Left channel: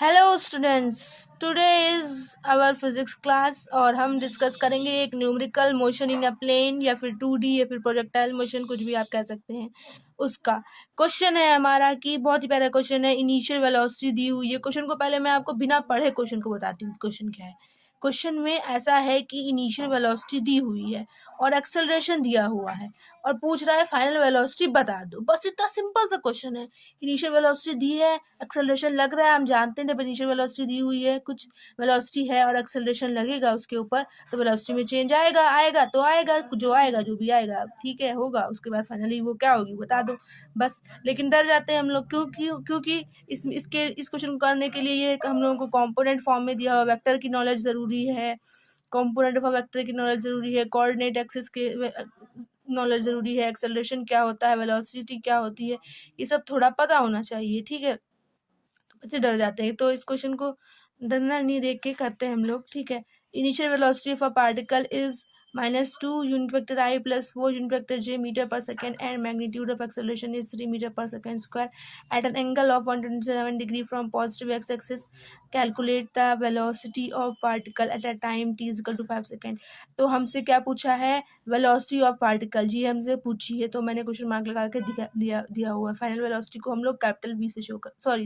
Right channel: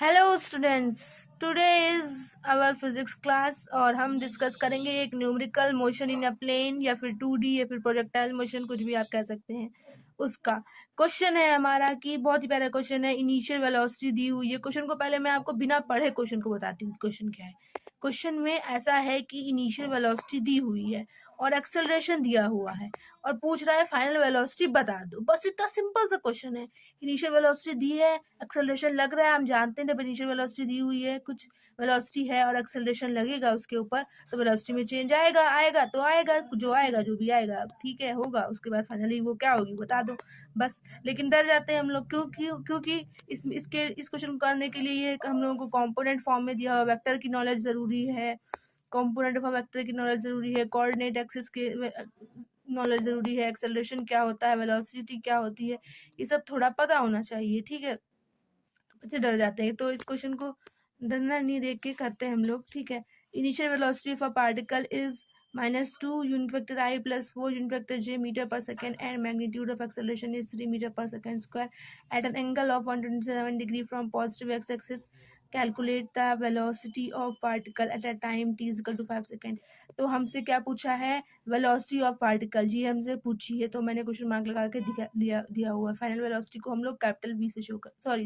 Hello students, today is our physics class और हम discuss करेंगे एक numerical motion in a plane या फिर 2D या फिर प्रोजेक्टाइल मोशन, कुछ भी आप कह सकते हैं। उसका क्वेश्चन है हमारा कि बहुत ही प्यारा क्वेश्चन है। इनिशियल वेलोसिटी दी हुई है। क्वेश्चन को पहले मैं आपको बिना पढ़े क्वेश्चन को बताती हूँ। क्वेश्चन क्या है? क्वेश्चन में ऐसा है कि इनिशियल वेलोसिटी दी हुई है और एक्सेलरेशन दिया हुआ है और पूछ रहा है फाइनल वेलोसिटी बता दो। बस इतना सिंपल सा क्वेश्चन है। इनिशियल वेलोसिटी दी है, एक्सेलरेशन लग रहा है, हम जानते हैं जब इनिशियल वेलोसिटी दी हुई है, कुछ वेलोसिटी है और एक्सेलरेशन लगेगा उसके ऊपर, तो वेलोसिटी में चेंज आएगा तो आएगा, जो भी आएगा ठीक है होगा। उसके बाद फाइनली वो क्या होगी बता दो बस। लेकिन डर जाते हैं हम लोग, क्योंकि इस क्वेश्चन को करने के लिए ये हम लोगों को कॉम्पोनेंट फॉर्म में दिया हुआ वेक्टर की नॉलेज जरूरी है, कंपोनेंट ऑफ वेक्टर की नॉलेज जरूरी है, कोऑर्डिनेट एक्सिस के नॉलेज जरूरी है, एक्सेलरेशन क्या होता है, वेलोसिटी क्या होती है, ये सब थोड़ा पता होना चाहिए। ठीक है, तो बच्चे डर जाते हैं, तो इस क्वेश्चन को डरना नहीं देख के करते हैं हम लोग। ठीक है, initial velocity of a particle is -2 unit vector I + 4 unit vector J metre per second and magnitude of acceleration is 3 metre per second square at an angle of 127 degree from positive X axis. Calculate the velocity of particle at a time t = 5 second. तो हमसे क्या पूछा है? Velocity of particle जी हमसे पूछी है, तो मैंने क्वेश्चन मार्क लगा के दिया हुआ है। फाइनल वेलोसिटी को हम लोग कैपिटल V से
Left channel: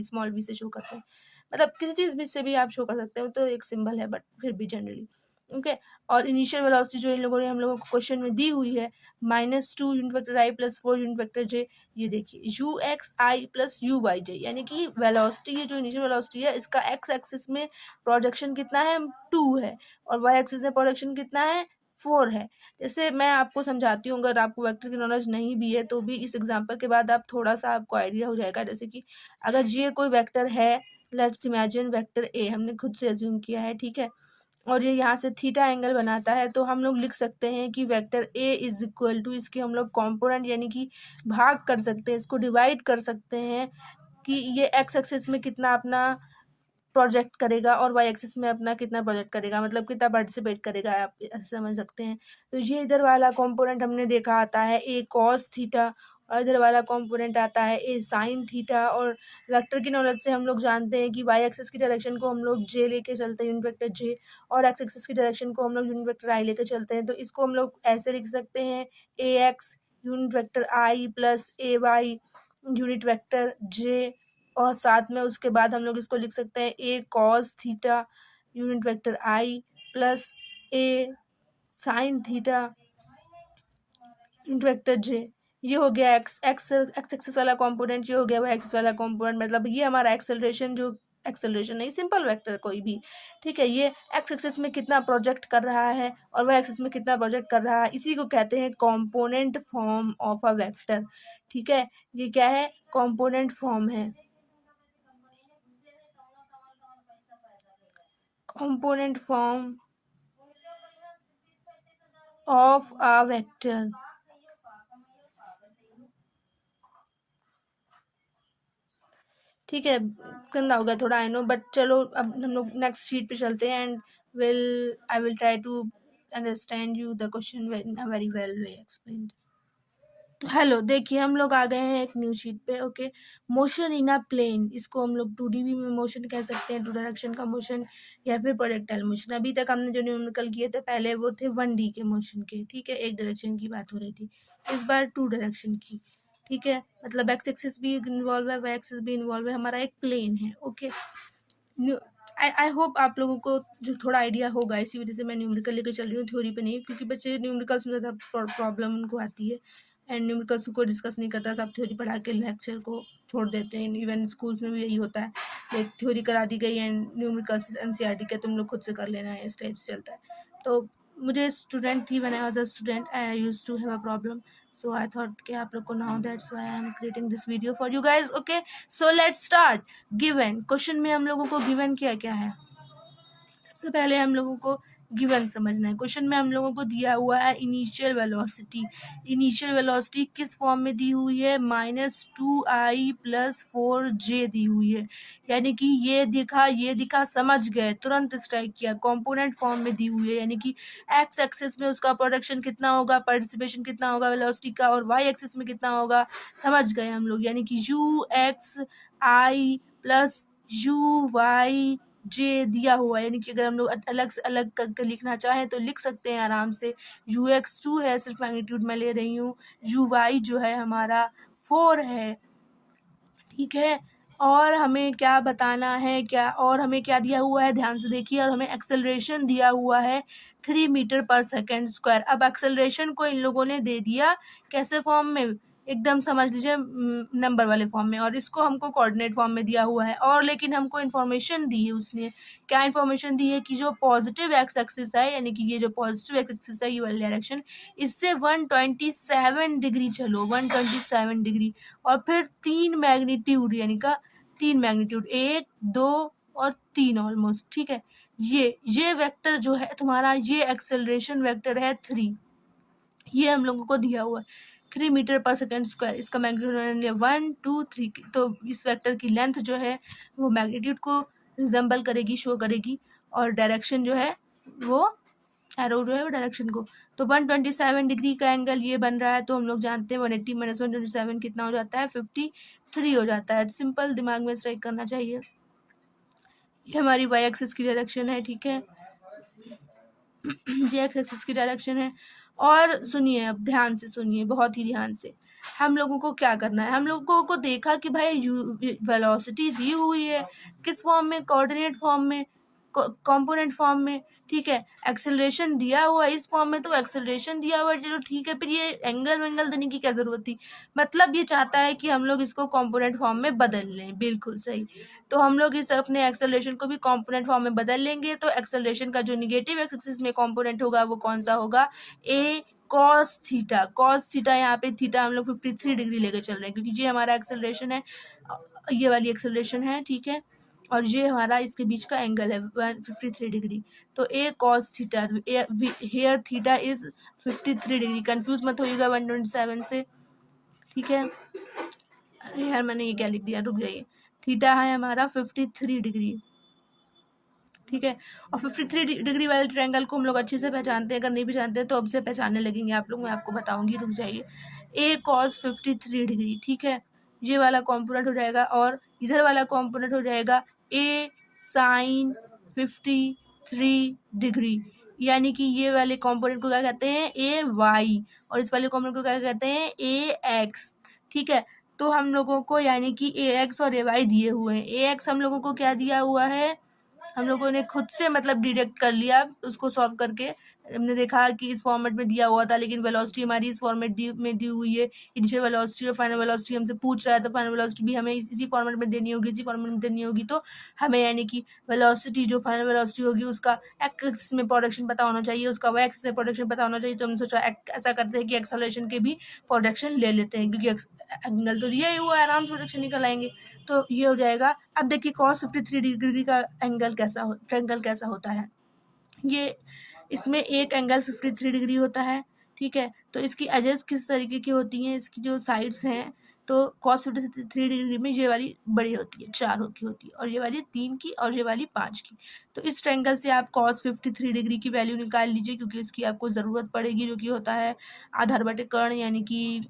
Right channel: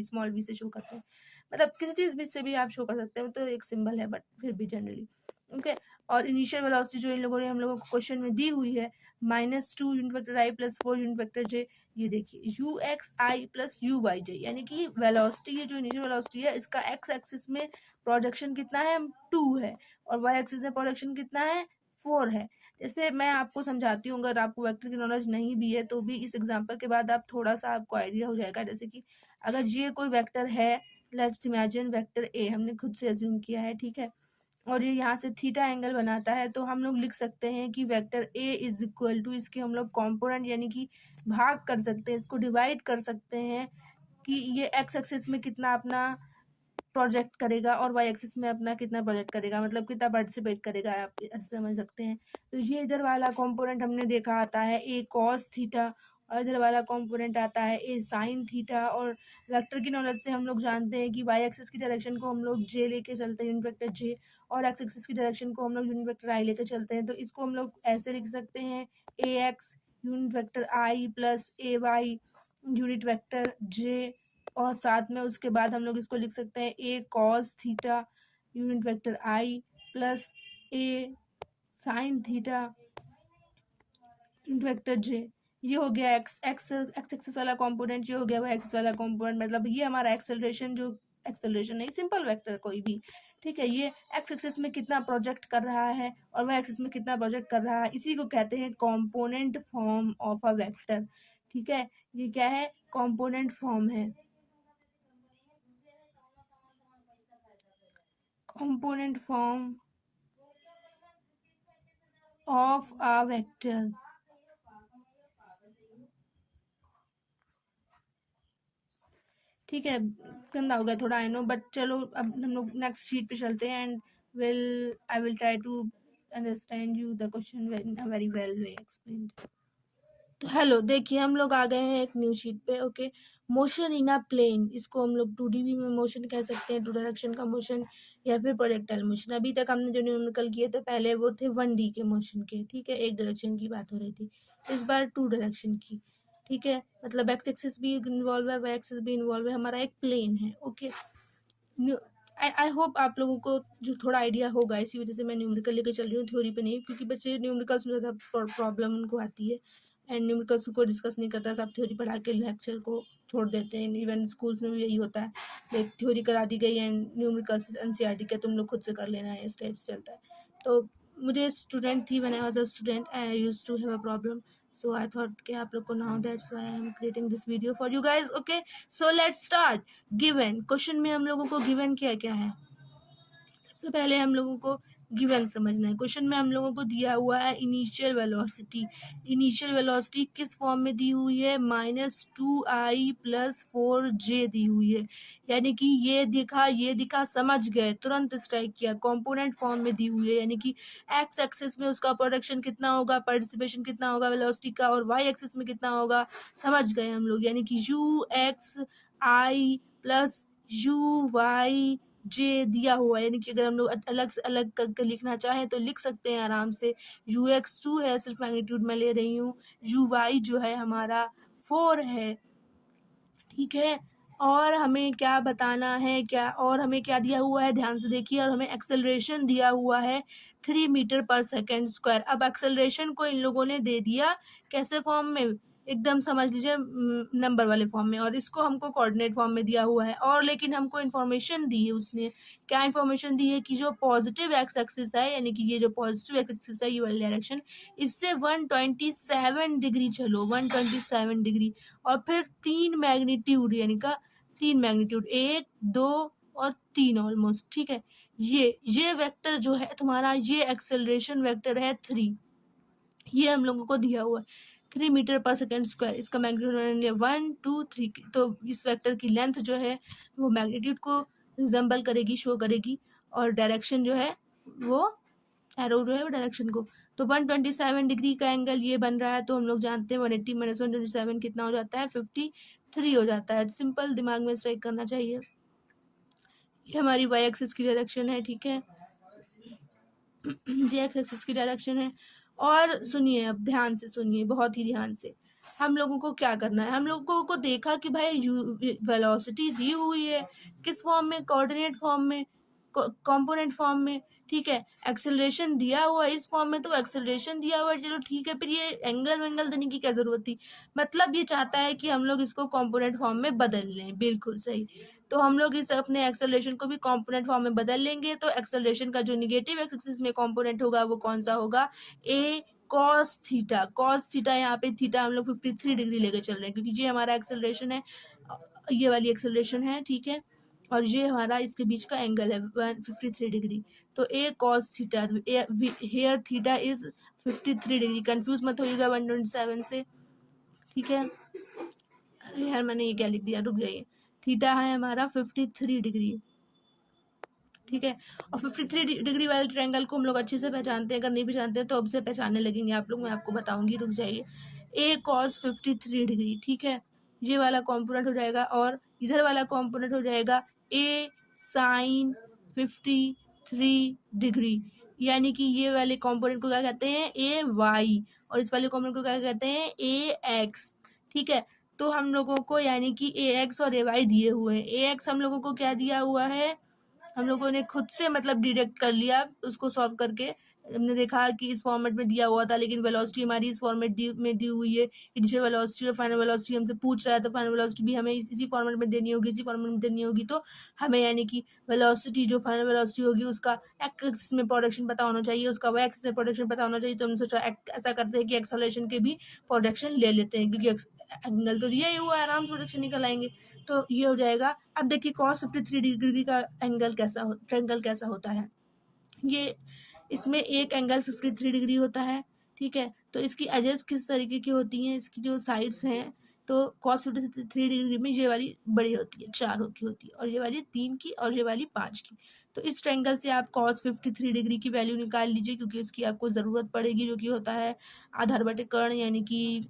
स्मॉल v से शो करते हैं। मतलब किसी चीज भी से भी आप शो कर सकते हो, तो एक सिंबल है बट फिर भी जनरली ओके। और इनिशियल वेलोसिटी जो इन लोगों ने हम लोगों को क्वेश्चन में दी हुई है -2 unit vector I + 4 unit vector J। ये देखिए UXI + UYJ, यानी कि वेलोसिटी, ये जो इनिशियल वेलोसिटी है इसका x एक्सिस में प्रोजेक्शन कितना है? 2 है, और y एक्सिस में प्रोजेक्शन कितना है? 4 है। जैसे मैं आपको समझाती हूँ, अगर आपको वेक्टर की नॉलेज नहीं भी है तो भी इस एग्जाम्पल के बाद आप थोड़ा सा आपको आइडिया हो जाएगा। जैसे कि अगर ये कोई वेक्टर है, लेट्स इमेजिन वेक्टर ए, हमने खुद से अज्यूम किया है, ठीक है, और ये यहाँ से थीटा एंगल बनाता है, तो हम लोग लिख सकते हैं कि vector a is equal to, इसके हम लोग कॉम्पोनेंट यानी कि भाग कर सकते हैं, इसको डिवाइड कर सकते हैं कि ये एक्स एक्सिस में कितना अपना प्रोजेक्ट करेगा और वाई एक्सिस में अपना कितना प्रोजेक्ट करेगा, मतलब कितना पार्टिसिपेट करेगा, आप समझ सकते हैं। तो ये इधर वाला कंपोनेंट हमने देखा आता है ए कॉस थीटा, और इधर वाला कंपोनेंट आता है ए साइन थीटा। और वेक्टर की नॉलेज से हम लोग जानते हैं कि वाई एक्सिस की डायरेक्शन को हम लोग जे लेके चलते हैं, यूनिट वेक्टर जे, और एक्स एक्सिस की डायरेक्शन को हम लोग यूनिट वेक्टर आई लेके चलते हैं। तो इसको हम लोग ऐसे लिख सकते हैं ए एक्स यूनिट वेक्टर आई + ए वाई यूनिट वेक्टर जे, और साथ में उसके बाद हम लोग इसको लिख सकते हैं ए कॉस थीटा यूनिट वेक्टर आई + ए sine theta unit vector J. ये हो गया एक्स एक्सिस वाला कंपोनेंट, ये हो गया वाई एक्सिस वाला कंपोनेंट। मतलब ये हमारा एक्सेलरेशन, जो एक्सेलरेशन नहीं, सिंपल वेक्टर कोई भी, ठीक है, ये एक्स एक्सिस में कितना प्रोजेक्ट कर रहा है और वाई एक्सिस में कितना प्रोजेक्ट कर रहा है, इसी को कहते हैं component form of a vector. ठीक है, ये क्या है? कंपोनेंट फॉर्म है, component form of a vector। ठीक है, गंदा हो गया थोड़ा आई नो, बट चलो अब हम लोग नेक्स्ट शीट पे चलते हैं and I will try to understand you the question very well way explained. तो हेलो, देखिए हम लोग आ गए हैं एक न्यू शीट पे। Okay, motion in a plane, इसको हम लोग 2D भी में मोशन कह सकते हैं, 2 डायरेक्शन का मोशन या फिर प्रोजेक्टाइल मोशन। अभी तक हमने जो न्यूमेरिकल किए थे पहले वो थे 1D के मोशन के, ठीक है, एक डायरेक्शन की बात हो रही थी। इस बार 2 डायरेक्शन की, ठीक है, मतलब एक्स एक्सिस भी इन्वॉल्व है, वाई एक्सिस भी इन्वॉल्व है, हमारा एक प्लेन है। ओके, आई होप आप लोगों को जो थोड़ा आइडिया होगा, इसी वजह से मैं न्यूमेरिकल लेकर चल रही हूँ, थ्योरी पे नहीं, क्योंकि बच्चे न्यूमेरिकल्स में ज़्यादा प्रॉब्लम उनको आती है एंड न्यूमेरिकल्स को डिस्कस नहीं करता, सब थ्योरी पढ़ा के लेक्चर को छोड़ देते हैं। इवन स्कूल्स में भी यही होता है, एक थ्योरी करा दी गई एंड न्यूमेरिकल्स एनसीईआरटी के तुम लोग खुद से कर लेना है, इस टाइप से चलता है। तो मुझे स्टूडेंट थी, when I was a student I used to have a problem, so I thought कि आप लोग को now that's why I am creating this video for you guys. Okay, so let's start. Given question में हम लोगों को given क्या क्या है, सबसे पहले हम लोगों को गिवन समझना है। क्वेश्चन में हम लोगों को दिया हुआ है इनिशियल वेलोसिटी। इनिशियल वेलोसिटी किस फॉर्म में दी हुई है? -2i + 4j दी हुई है, यानी कि ये दिखा समझ गए, तुरंत स्ट्राइक किया। कंपोनेंट फॉर्म में दी हुई है, यानी कि एक्स एक्सिस में उसका प्रोडक्शन कितना होगा, पार्टिसिपेशन कितना होगा वेलोसिटी का, और वाई एक्सिस में कितना होगा, समझ गए हम लोग, यानी कि UXI + यू वाई जे दिया हुआ है, यानी कि अगर हम लोग अलग से अलग करके लिखना चाहें तो लिख सकते हैं आराम से। यू एक्स 2 है, सिर्फ मैग्नीट्यूड में ले रही हूँ। यू वाई जो है हमारा 4 है, ठीक है। और हमें क्या बताना है, क्या और हमें क्या दिया हुआ है, ध्यान से देखिए। और हमें एक्सेलरेशन दिया हुआ है 3 मीटर पर सेकेंड स्क्वायर। अब एक्सेलरेशन को इन लोगों ने दे दिया कैसे फॉर्म में, एकदम समझ लीजिए नंबर वाले फॉर्म में, और इसको हमको कोऑर्डिनेट फॉर्म में दिया हुआ है। और लेकिन हमको इन्फॉर्मेशन दी है उसने, क्या इन्फॉर्मेशन दी है कि जो पॉजिटिव एक्स एक्सिस है, यानी कि ये जो पॉजिटिव एक्स एक्सिस है, ये वाली डायरेक्शन, इससे 127 डिग्री चलो, 127 डिग्री। और फिर 3 मैग्नीट्यूड, यानी का 3 मैग्नीट्यूड, 1 2 और 3 ऑलमोस्ट, ठीक है। ये वेक्टर जो है तुम्हारा, ये एक्सेलरेशन वेक्टर है 3, ये हम लोगों को दिया हुआ है 3 मीटर पर सेकेंड स्क्वायर। इसका मैग्नीट्यूड 1 2 3, तो इस वेक्टर की लेंथ जो है वो मैग्नीट्यूड को रिजेंबल करेगी, शो करेगी, और डायरेक्शन जो है वो एरो जो है वो डायरेक्शन को। तो 127 डिग्री का एंगल ये बन रहा है, तो हम लोग जानते हैं 180 माइनस 127 कितना हो जाता है, 53 हो जाता है। सिंपल दिमाग में स्ट्राइक करना चाहिए। ये हमारी वाई एक्सिस की डायरेक्शन है, ठीक है। जे एक्स एक्सिस की डायरेक्शन है। और सुनिए, अब ध्यान से सुनिए, बहुत ही ध्यान से। हम लोगों को क्या करना है, हम लोगों को देखा कि भाई वेलोसिटी दी हुई है, किस फॉर्म में, कोऑर्डिनेट फॉर्म में, कंपोनेंट फॉर्म में, ठीक है। एक्सेलरेशन दिया हुआ इस फॉर्म में, तो एक्सेलरेशन दिया हुआ है, चलो ठीक है। फिर ये एंगल वेंगल देने की क्या जरूरत थी, मतलब ये चाहता है कि हम लोग इसको कंपोनेंट फॉर्म में बदल लें, बिल्कुल सही। तो हम लोग इस अपने एक्सेलरेशन को भी कंपोनेंट फॉर्म में बदल लेंगे। तो एक्सेलरेशन का जो निगेटिव एक्सिस में कंपोनेंट होगा वो कौन सा होगा, ए कॉस थीटा। कॉस थीटा, यहाँ पे थीटा हम लोग 53 डिग्री लेकर चल रहे हैं, क्योंकि ये हमारा एक्सेलरेशन है, ये वाली एक्सेलरेशन है, ठीक है। और ये हमारा इसके बीच का एंगल है 53 डिग्री। तो A cos theta, here theta is 53 degree. Confuse मत होइएगा 127 से, ठीक है। अरे यार, मैंने ये क्या लिख दिया, रुक जाइए। थीटा है हमारा 53 डिग्री, ठीक है। और 53 डिग्री वाले ट्रायंगल को हम लोग अच्छे से पहचानते हैं, अगर नहीं पहचानते हैं तो अब से पहचानने लगेंगे आप लोग, मैं आपको बताऊंगी, रुक जाइए। ए कॉस 53 डिग्री, ठीक है, ये वाला कॉम्पोनेंट हो जाएगा। और इधर वाला कॉम्पोनेंट हो जाएगा ए साइन 53 डिग्री, यानी कि ये वाले कॉम्पोनेंट को क्या कहते हैं, ए वाई, और इस वाले कॉम्पोनेंट को क्या कहते हैं, ए एक्स, ठीक है। तो हम लोगों को यानी कि ए एक्स और ए वाई दिए हुए हैं। ए एक्स हम लोगों को क्या दिया हुआ है, हम लोगों ने खुद से मतलब डिडक्ट कर लिया उसको सॉल्व करके। हमने देखा कि इस फॉर्मेट में दिया हुआ था, लेकिन वेलोसिटी हमारी इस फॉर्मेट में दी हुई है। इनिशियल वेलोसिटी और फाइनल वेलोसिटी हमसे पूछ रहा है, तो फाइनल वेलोसिटी भी हमें इसी फॉर्मेट में देनी होगी, इसी फॉर्मेट में देनी होगी। तो हमें यानी कि वेलोसिटी जो फाइनल वेलोसिटी होगी उसका एक्सिस में प्रोडक्शन पता होना चाहिए, उसका वाई एक्सिस में प्रोडक्शन पता होना चाहिए। तो हम सोचा ऐसा करते हैं कि एक्सेलरेशन के भी प्रोडक्शन ले लेते हैं, क्योंकि एंगल तो दिया ही हुआ है, आराम से प्रोडक्शन निकल आएंगे। तो ये हो जाएगा। अब देखिए cos 53 डिग्री का एंगल ट्रायंगल कैसा होता है, ये इसमें एक एंगल 53 डिग्री होता है, ठीक है। तो इसकी एजेस किस तरीके की होती हैं, इसकी जो साइड्स हैं, तो cos 53 डिग्री में ये वाली बड़ी होती है, 4 की होती है, और ये वाली 3 की, और ये वाली 5 की। तो इस ट्रायंगल से आप cos 53 डिग्री की वैल्यू निकाल लीजिए, क्योंकि इसकी आपको ज़रूरत पड़ेगी, जो कि होता है आधार बटे कर्ण, यानी कि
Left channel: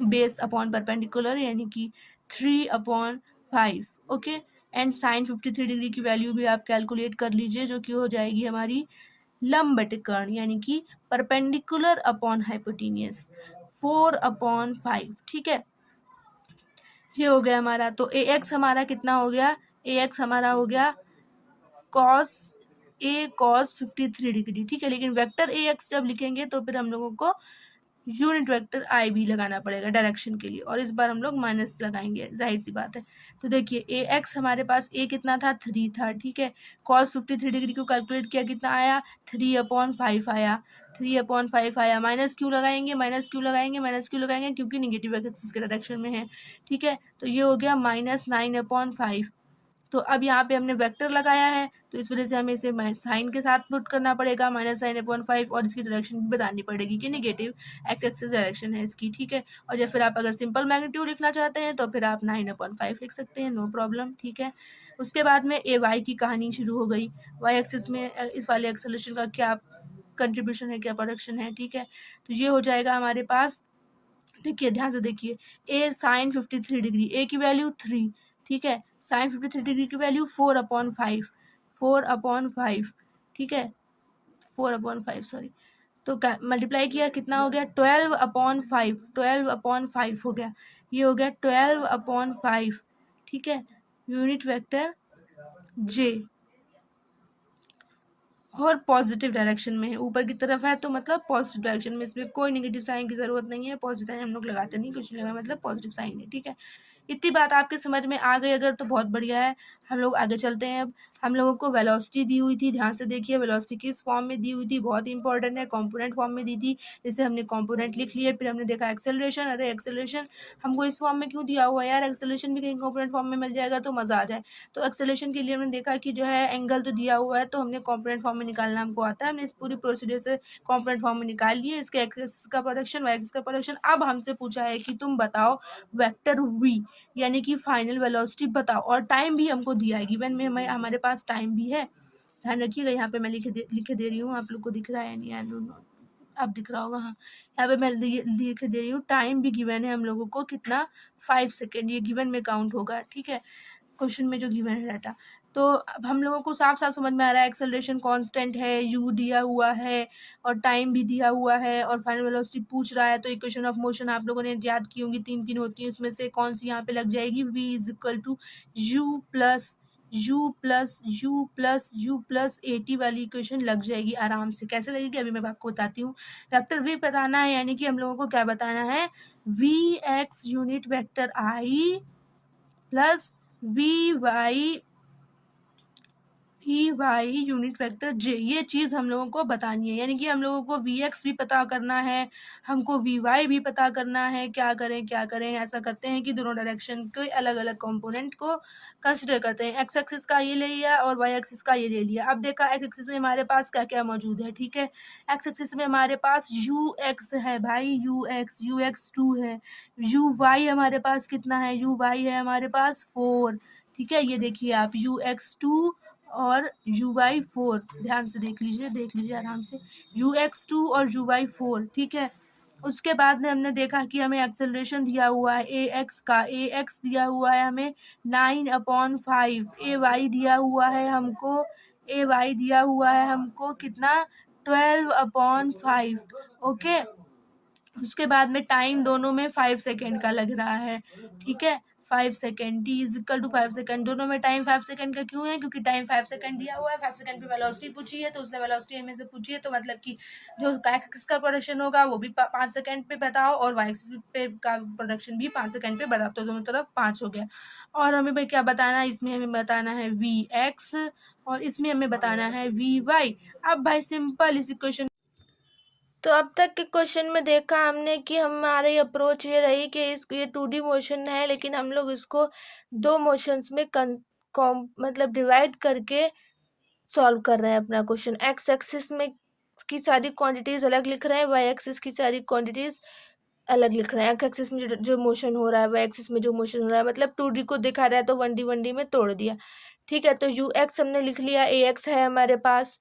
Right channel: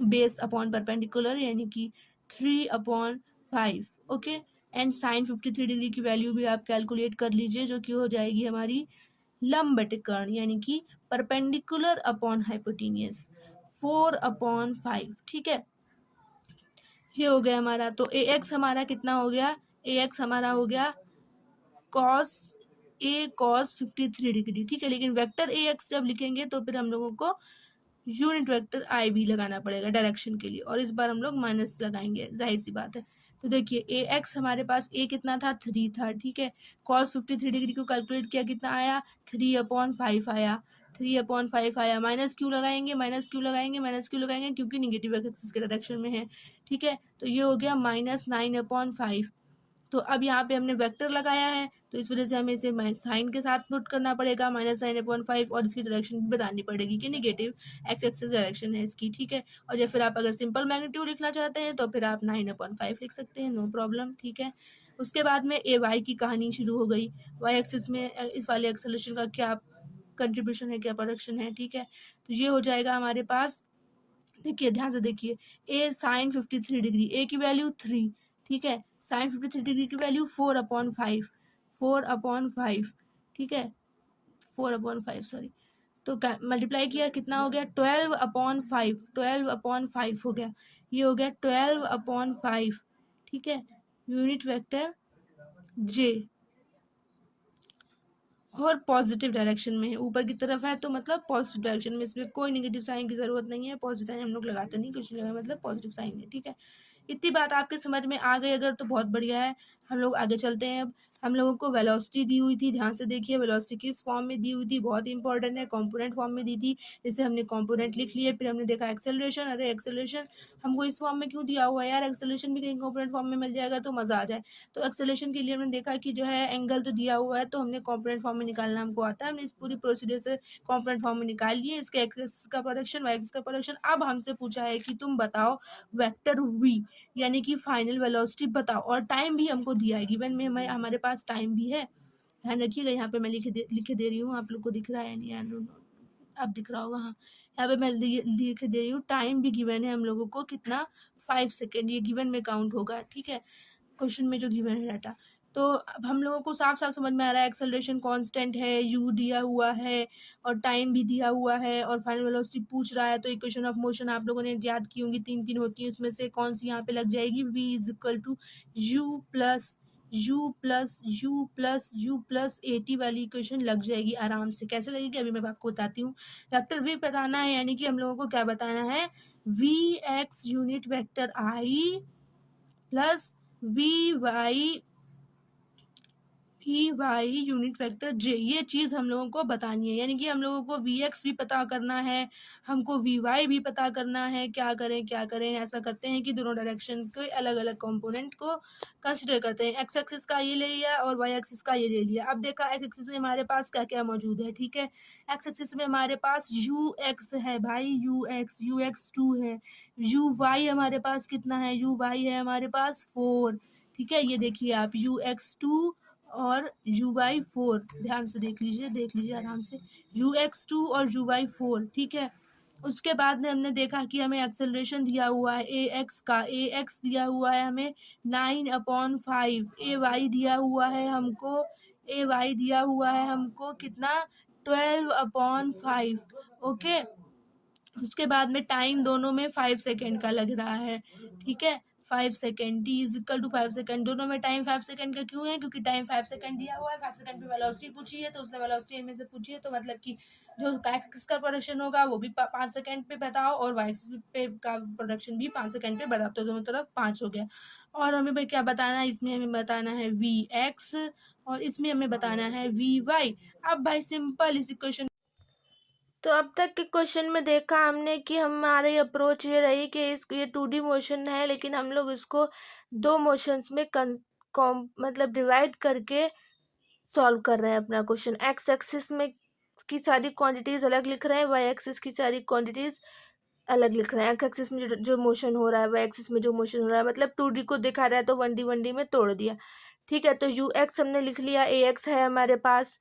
बेस अपॉन परपेंडिकुलर, यानी कि 3/5, ओके। एंड साइन 53 डिग्री की वैल्यू भी आप कैलकुलेट कर लीजिए, जो कि हो जाएगी हमारी लंब बटे कर्ण, यानी कि परपेंडिकुलर अपॉन हाइपोटेनियस, 4/5, ठीक है। ये हो गया हमारा। तो ए एक्स हमारा कितना हो गया, ए एक्स हमारा हो गया कॉस ए कॉस 53 डिग्री, ठीक है। लेकिन वेक्टर ए एक्स जब लिखेंगे तो फिर हम लोगों को यूनिट वेक्टर आई भी लगाना पड़ेगा डायरेक्शन के लिए, और इस बार हम लोग माइनस लगाएंगे, जाहिर सी बात है। तो देखिए ए एक्स हमारे पास ए कितना था, 3 था, ठीक है। कॉस 53 डिग्री को कैलकुलेट किया, कितना आया, 3/5 आया, 3/5 आया। माइनस क्यों लगाएंगे, माइनस क्यों लगाएंगे, माइनस क्यों लगाएंगे, क्योंकि निगेटिव एक्सिस के डायरेक्शन में है, ठीक है। तो ये हो गया -9/5। तो अब यहाँ पे हमने वेक्टर लगाया है, तो इस वजह से हमें इसे साइन के साथ पुट करना पड़ेगा, -9/5, और इसकी डायरेक्शन भी बतानी पड़ेगी कि निगेटिव एक्स एक्सिस डायरेक्शन है इसकी, ठीक है। और या फिर आप अगर सिंपल मैग्नीट्यूड लिखना चाहते हैं तो फिर आप 9/5 लिख सकते हैं, नो प्रॉब्लम, ठीक है। उसके बाद में ए वाई की कहानी शुरू हो गई। वाई एक्सिस में इस वाले एक्सेलरेशन का क्या कंट्रीब्यूशन है, क्या प्रोडक्शन है, ठीक है। तो ये हो जाएगा हमारे पास। देखिए ध्यान से देखिए, ए साइन 53 डिग्री, ए की वैल्यू 3, ठीक है। साइन 53 डिग्री की वैल्यू 4/5, 4/5, ठीक है, 4/5 सॉरी। तो मल्टीप्लाई किया कितना हो गया, 12/5, 12/5 हो गया, ये हो गया 12/5, ठीक है। यूनिट वेक्टर जे और पॉजिटिव डायरेक्शन में है, ऊपर की तरफ है तो मतलब पॉजिटिव डायरेक्शन में, इसमें कोई नेगेटिव साइन की जरूरत नहीं है, पॉजिटिव साइन हम लोग लगाते नहीं, कुछ नहीं लगा, मतलब पॉजिटिव साइन है, ठीक है। इतनी बात आपके समझ में आ गई अगर तो बहुत बढ़िया है। हम लोग आगे चलते हैं। अब हम लोगों को वेलोसिटी दी हुई थी, ध्यान से देखिए, वेलोसिटी किस फॉर्म में दी हुई थी, बहुत इंपॉर्टेंट है, कंपोनेंट फॉर्म में दी थी, जिससे हमने कंपोनेंट लिख लिए। फिर हमने देखा एक्सेलरेशन, अरे एक्सेलरेशन हमको इस फॉर्म में क्यों दिया हुआ है यार, एक्सेलरेशन भी कहीं कंपोनेंट फॉर्म में मिल जाएगा तो मजा आ जाए। तो एक्सेलरेशन के लिए हमने देखा कि जो है एंगल तो दिया हुआ है, तो हमने कंपोनेंट फॉर्म में निकालना हमको आता है, हमने इस पूरी प्रोसीजर से कंपोनेंट फॉर्म में निकाल लिए, इसके एक्स एक्सिस का प्रोडक्शन, वाई एक्सिस का प्रोडक्शन। अब हमसे पूछा है कि तुम बताओ वेक्टर वी यानी कि फाइनल वेलोसिटी बताओ, और टाइम भी हमको दिया है, गिवन में हमारे पास टाइम भी है। ध्यान रखिएगा, यहाँ पे मैं लिखे दे रही हूँ, आप लोग को दिख रहा है नहीं, आई डोंट नो, अब दिख रहा होगा, हाँ, यहाँ पे मैं लिख दे रही हूँ, टाइम भी गिवन है हम लोगों को कितना, 5 सेकेंड, ये गिवन में काउंट होगा, ठीक है, क्वेश्चन में जो गिवन है डाटा। तो अब हम लोगों को साफ साफ समझ में आ रहा है, एक्सेलरेशन कांस्टेंट है, यू दिया हुआ है और टाइम भी दिया हुआ है और फाइनल वेलोसिटी पूछ रहा है, तो इक्वेशन ऑफ मोशन आप लोगों ने याद की होंगी, तीन तीन होती है, उसमें से कौन सी यहाँ पे लग जाएगी, v is equal to u plus u plus u plus u plus at वाली इक्वेशन लग जाएगी आराम से। कैसे लगेगी अभी मैं आपको बताती हूँ। वेक्टर v बताना है, यानी कि हम लोगों को क्या बताना है, v x unit vector i plus Y unit vector J, ये चीज हम लोगों को बतानी है, यानी कि हम लोगों को वी एक्स भी पता करना है, हमको वी वाई भी पता करना है। क्या करें, ऐसा करते हैं कि दोनों डायरेक्शन के अलग अलग कंपोनेंट को कंसिडर करते हैं। एक्स एक्सिस का ये ले लिया और वाई एक्सिस का ये ले लिया। अब देखा एक्स एक्सिस में हमारे पास क्या क्या मौजूद है, ठीक है। एक्स एक्सिस में हमारे पास यू एक्स है भाई, यू एक्स 2 है, यू वाई हमारे पास कितना है, यू वाई है हमारे पास 4, ठीक है। ये देखिए आप, यू एक्स 2 और यू वाई 4, ध्यान से देख लीजिए आराम से, यू एक्स 2 और यू वाई 4, ठीक है। उसके बाद में हमने देखा कि हमें एक्सेलरेशन दिया हुआ है ए एक्स का, ए एक्स दिया हुआ है हमें 9/5, ए वाई दिया हुआ है हमको, ए वाई दिया हुआ है हमको कितना, 12/5, ओके। उसके बाद में टाइम दोनों में 5 सेकेंड का लग रहा है, ठीक है, 5 second, t is equal to 5 second, दोनों में टाइम 5 सेकेंड का क्यों है, क्योंकि टाइम 5 सेकेंड दिया हुआ है, 5 सेकेंड पे वेलोसिटी पूछी है, तो उसने वेलोसिटी हमें से पूछी है, तो मतलब कि जो एक्सिस का प्रोडक्शन होगा वो भी 5 सेकेंड पे बताओ, और वाई एक्सिस पे का प्रोडक्शन भी 5 सेकेंड पे बताओ, तो दोनों तरफ 5 हो गया। और हमें भाई क्या बताना है, इसमें हमें बताना है वी एक्स और इसमें हमें बताना है वी वाई। अब भाई सिंपल इस इक्वेशन, तो अब तक के क्वेश्चन में देखा हमने कि हमारी अप्रोच ये रही कि ये 2D मोशन है, लेकिन हम लोग इसको दो मोशंस में मतलब डिवाइड करके सॉल्व कर रहे हैं अपना क्वेश्चन। एक्स एक्सिस में की सारी क्वांटिटीज अलग लिख रहे हैं, वाई एक्सिस की सारी क्वांटिटीज अलग लिख रहे हैं। एक्स एक्सिस में जो मोशन हो रहा है, वाई एक्सिस में जो मोशन हो रहा है, मतलब 2D को दिखा रहा है तो 1D में तोड़ दिया, ठीक है। तो यू एक्स हमने लिख लिया, ए एक्स है हमारे पास,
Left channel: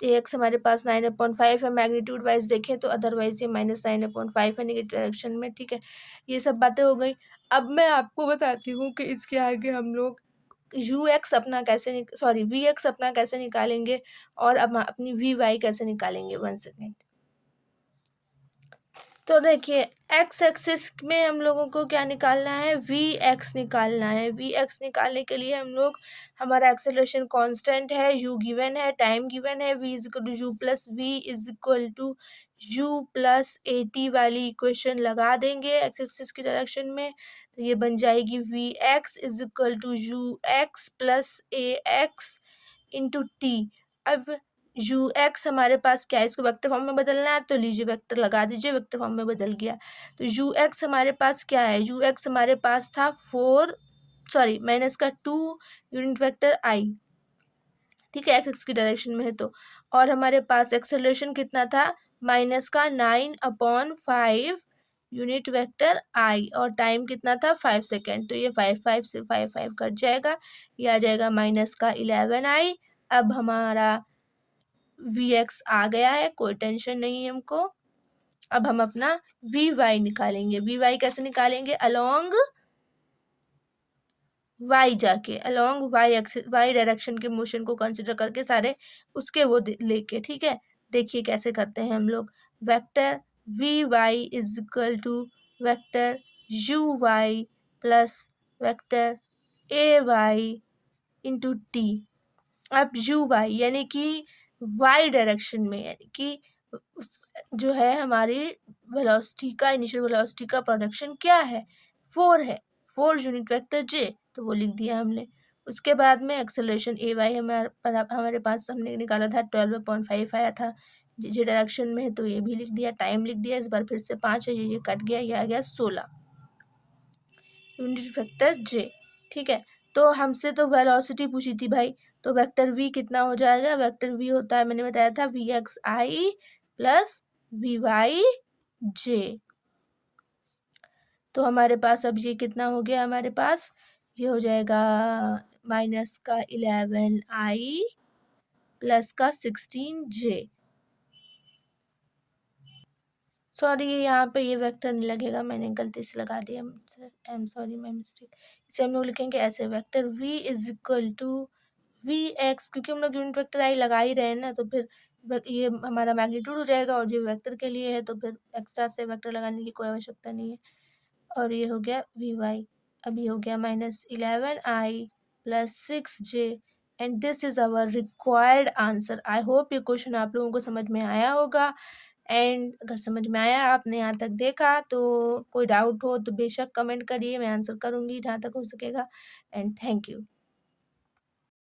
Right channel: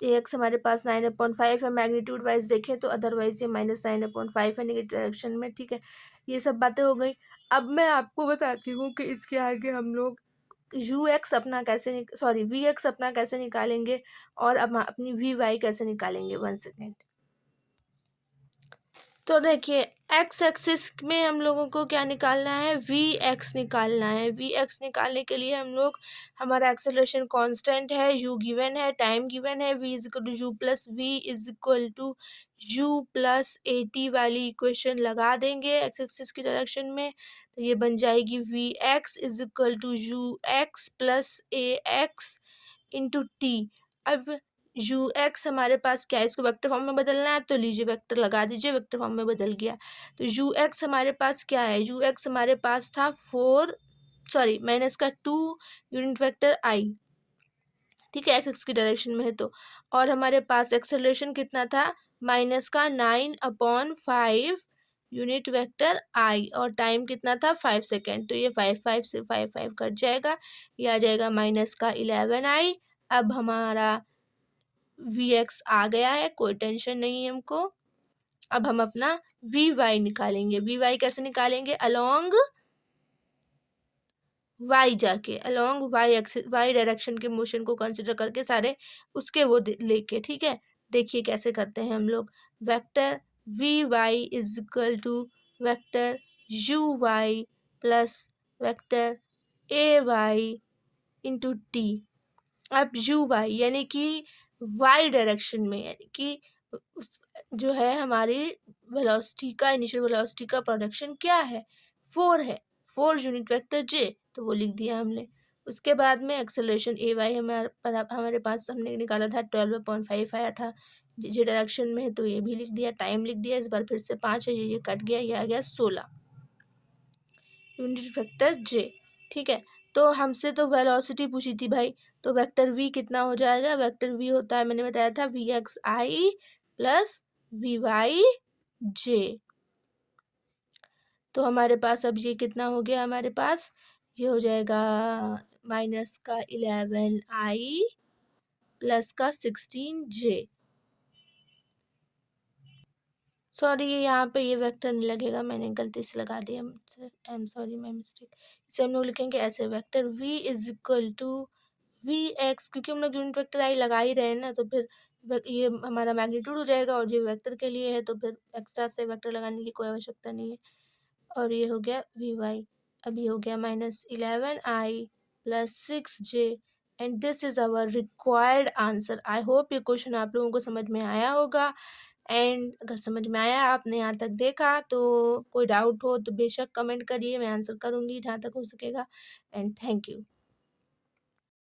ए एक्स हमारे पास 9/5 है, मैग्नीट्यूड वाइज देखें तो अदरवाइज ये -9/5 है नेगेटिव डायरेक्शन में, ठीक है। ये सब बातें हो गई। अब मैं आपको बताती हूँ कि इसके आगे हम लोग यू एक्स अपना कैसे सॉरी वी एक्स अपना कैसे निकालेंगे और अब अपनी वी वाई कैसे निकालेंगे। 1 सेकेंड। तो देखिए, एक्स एक्सिस में हम लोगों को क्या निकालना है, वी एक्स निकालना है। वी एक्स निकालने के लिए हम लोग, हमारा एक्सेलरेशन कांस्टेंट है, यू गिवन है, टाइम गिवन है, v is equal to u plus v is equal to u plus a t वाली इक्वेशन लगा देंगे एक्स एक्सिस की डायरेक्शन में, तो ये बन जाएगी v x is equal to u x plus a x into t. अब यू एक्स हमारे पास क्या है, इसको वेक्टर फॉर्म में बदलना है, तो लीजिए वेक्टर लगा दीजिए, वेक्टर फॉर्म में बदल गया। तो यू एक्स हमारे पास क्या है, यू एक्स हमारे पास था 4 सॉरी माइनस का 2 यूनिट वेक्टर आई, ठीक है, एक्स एक्स की डायरेक्शन में है तो। और हमारे पास एक्सेलरेशन कितना था, -9/5 यूनिट वेक्टर आई, और टाइम कितना था 5 सेकेंड, तो ये 5 से 5 कट जाएगा, ये आ जाएगा -11i। अब हमारा वी एक्स आ गया है, कोई टेंशन नहीं है हमको। अब हम अपना वी वाई निकालेंगे। वी वाई कैसे निकालेंगे, अलोंग वाई जाके along y axis y direction के मोशन को कंसिडर करके सारे उसके वो लेके, ठीक है। देखिए कैसे करते हैं हम लोग। Vector v y is equal to vector u y plus vector a y into t. अब यू वाई यानी कि वाई डायरेक्शन में, यानी कि जो है हमारी वेलोसिटी का, इनिशियल वेलोसिटी का प्रोडक्शन क्या है, 4 है, 4 यूनिट वेक्टर जे, तो वो लिख दिया हमने। उसके बाद में एक्सेलरेशन ए वाई हमारे पास हमने निकाला था 12.5 आया था, जे डायरेक्शन में है तो ये भी लिख दिया, टाइम लिख दिया। इस बार फिर से 5 है, ये कट गया, ये आ गया 16 यूनिट वेक्टर जे, ठीक है। तो हमसे तो वेलोसिटी पूछी थी भाई, तो वेक्टर v कितना हो जाएगा, वेक्टर v होता है, मैंने बताया था V X I plus V Y J. तो हमारे पास अब ये कितना हो गया, हमारे पास ये हो जाएगा माइनस का 11 आई प्लस का 16 जे। सॉरी यहाँ पे ये वेक्टर नहीं लगेगा, मैंने गलती से लगा दिया, I am sorry, my mistake. इसे हम लोग लिखेंगे ऐसे, vector v is equal to v x, क्योंकि हम लोग यूनिट वेक्टर आई लगा ही रहे हैं ना, तो फिर ये हमारा मैग्नीट्यूड हो जाएगा, और ये वेक्टर के लिए है तो फिर एक्स्ट्रा से वेक्टर लगाने की कोई आवश्यकता नहीं है। और ये हो गया वी वाई, अब ये हो गया minus 11 i plus 6 j, and this is our required answer. I hope ये क्वेश्चन आप लोगों को समझ में आया होगा, एंड अगर समझ में आया, आपने यहाँ तक देखा, तो कोई डाउट हो तो बेशक कमेंट करिए, मैं आंसर करूँगी जहाँ तक हो सकेगा। And thank you.